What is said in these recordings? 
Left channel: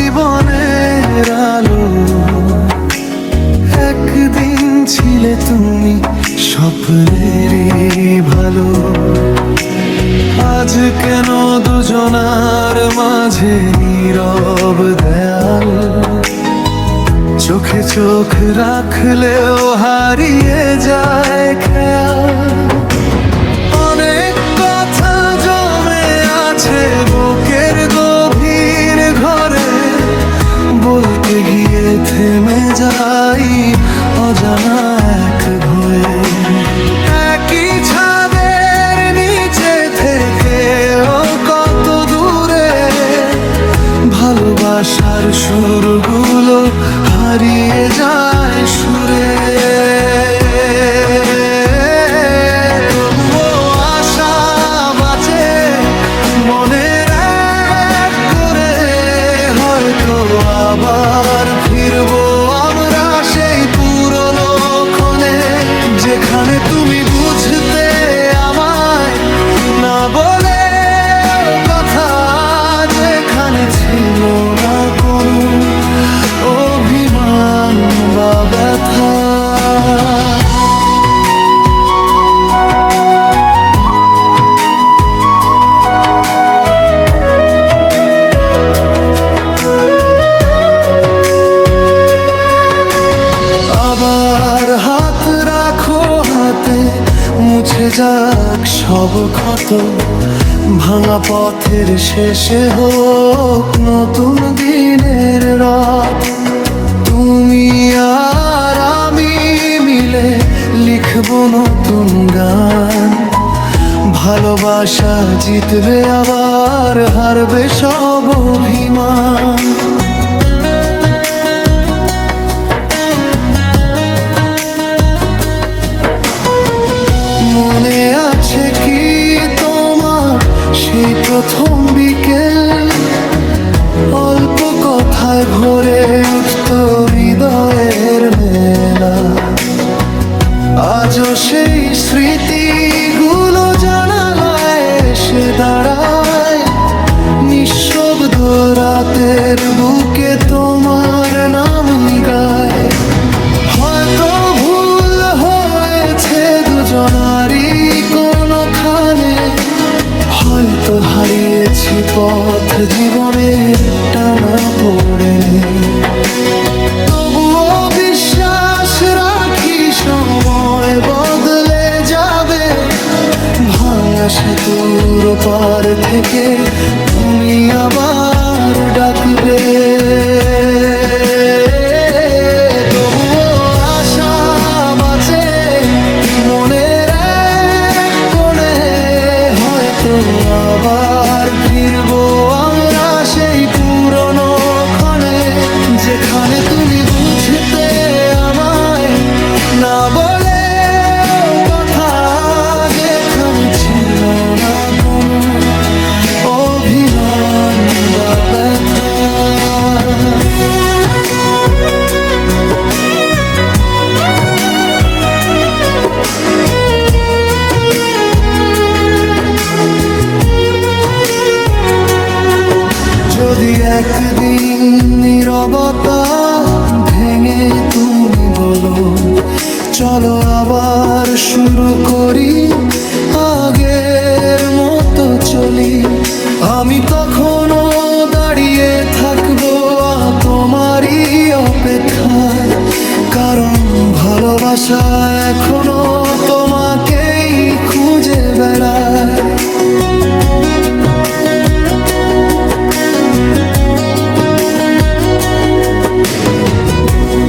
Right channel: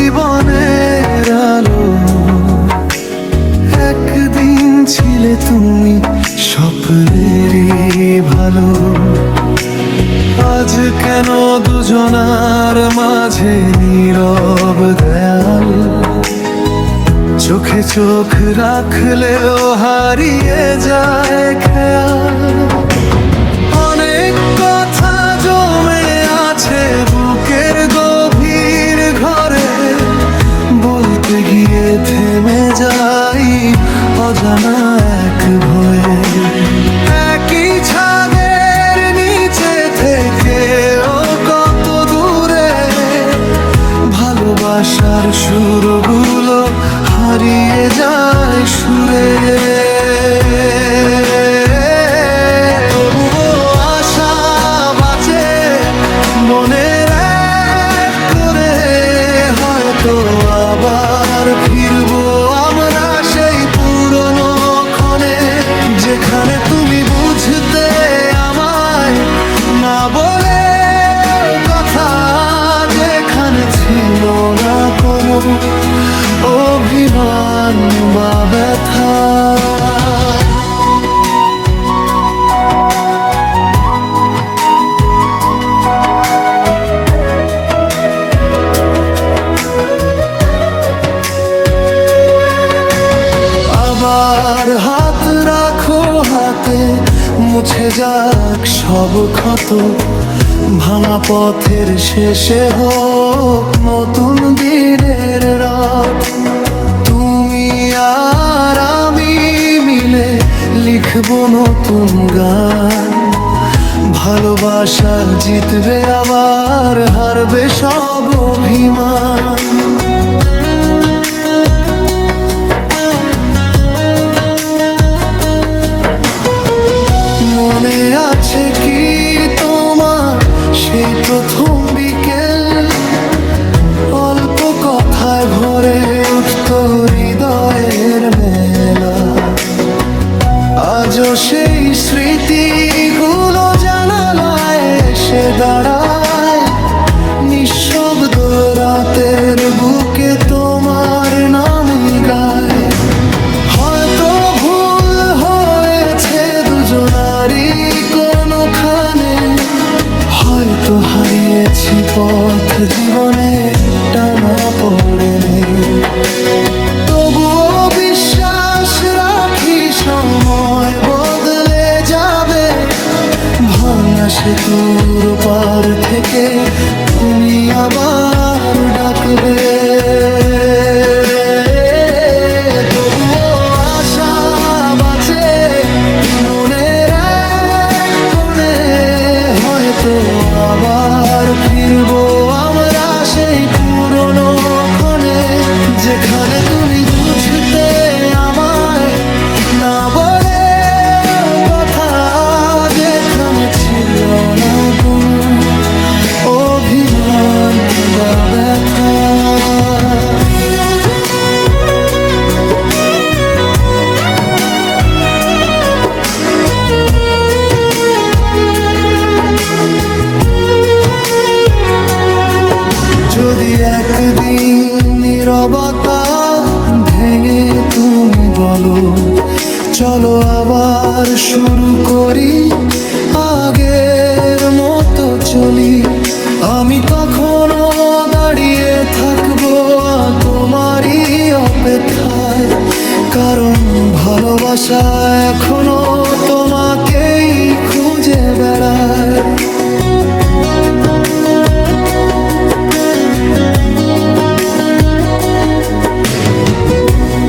জীবনের আলো। একদিন ছিলে তুমি স্বপ্নেরই ভালো। আজ কেন দুজনার মাঝে নীরব দেয়াল? চোখে চোখ রাখলেও হারিয়ে যায় খেয়াল। অনেক কথা জমে আছে বুকের গভীর ঘরে, বলতে গিয়ে থেমে যাই অজানা এক ভয়ে। একই ছাদের নিচে থেকেও কত দূরে ভালোবাসার সুরগুলো হারিয়ে যায় সুরে। তবুও আশা বাঁচে মনের এক করে, হয়তো আবার ফিরবো আমরা সেই পুরনো ক্ষণে, যেখানে তুমি বুঝতে আমায় না বলে কথা, যেখানে ছিল না কোনো অভিমান বা ব্যথা। আবার হাত রাখো হাতে, মুছে যাক সব ক্ষত। ভাঙা পথের শেষে হোক নতুন দিনের রাত। তুমি আর আমি মিলে লিখবো নতুন গান। ভালোবাসা জিতবে আবার, হারবে সব অভিমান। মনে আছে কি তোমার সেই প্রথম বিকেল? অল্প কথায় ভরে উঠত হৃদয়ের মেলা। আজও সেই স্মৃতিগুলো জানালায় এসে দাঁড়ায়। নিঃশব্দ রাতের বুকে তোমার নামই গায়। হয়তো ভুল হয়েছে দুজনারই কোনোখানে, হয়তো হারিয়েছি পথ জীবনে টানা পড়ে নেই। তবুও বিশ্বাস রাখি সময় বদলে যাবে। ভাঙা সেতুর পার থেকে তুমি আবার ডাকবে। তবুও আশা বাঁচে মনের এক কোণে, হয়তো আবার ফিরবো আমরা সেই পুরনো ক্ষণে, যেখানে তুমি বুঝতে আমায় না বলে কথা, যেখানে ছিল না কোনো অভিমান বা ব্যথা। যদি একদিন নীরবতা ভেঙে তুমি বলো চলো আবার শুরু করি, আগের মতো চলি, আমি তখনও দাঁড়িয়ে থাকবো তোমারই অপেক্ষায়। কারণ ভালোবাসা এখনো তোমাকেই খুঁজে বেড়ায়।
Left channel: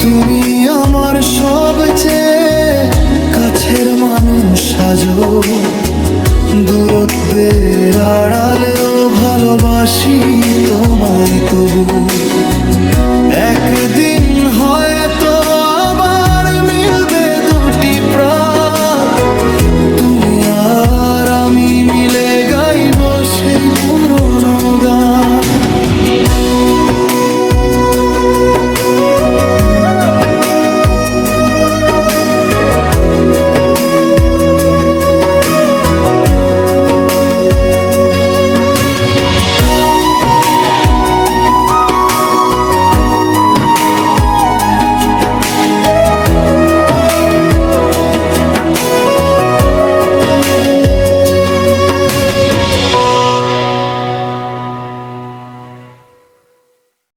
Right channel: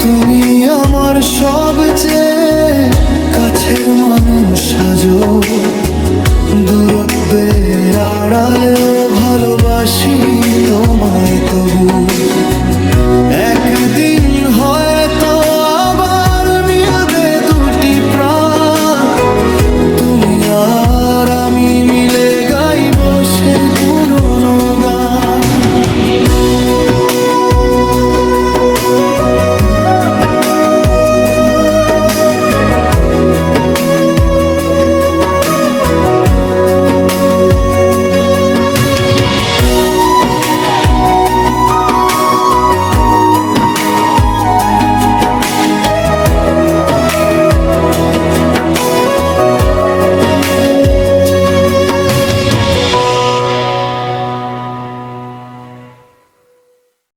তুমি আমার সবচেয়ে কাছের মানুষ আজো, দূরত্বের আড়ালেও ভালোবাসি তোমায় তবু। একদিন হয়তো আবার মিলবে দুটি প্রাণ, তুমি আর আমি মিলে গাইবো সেই পুরনো গান।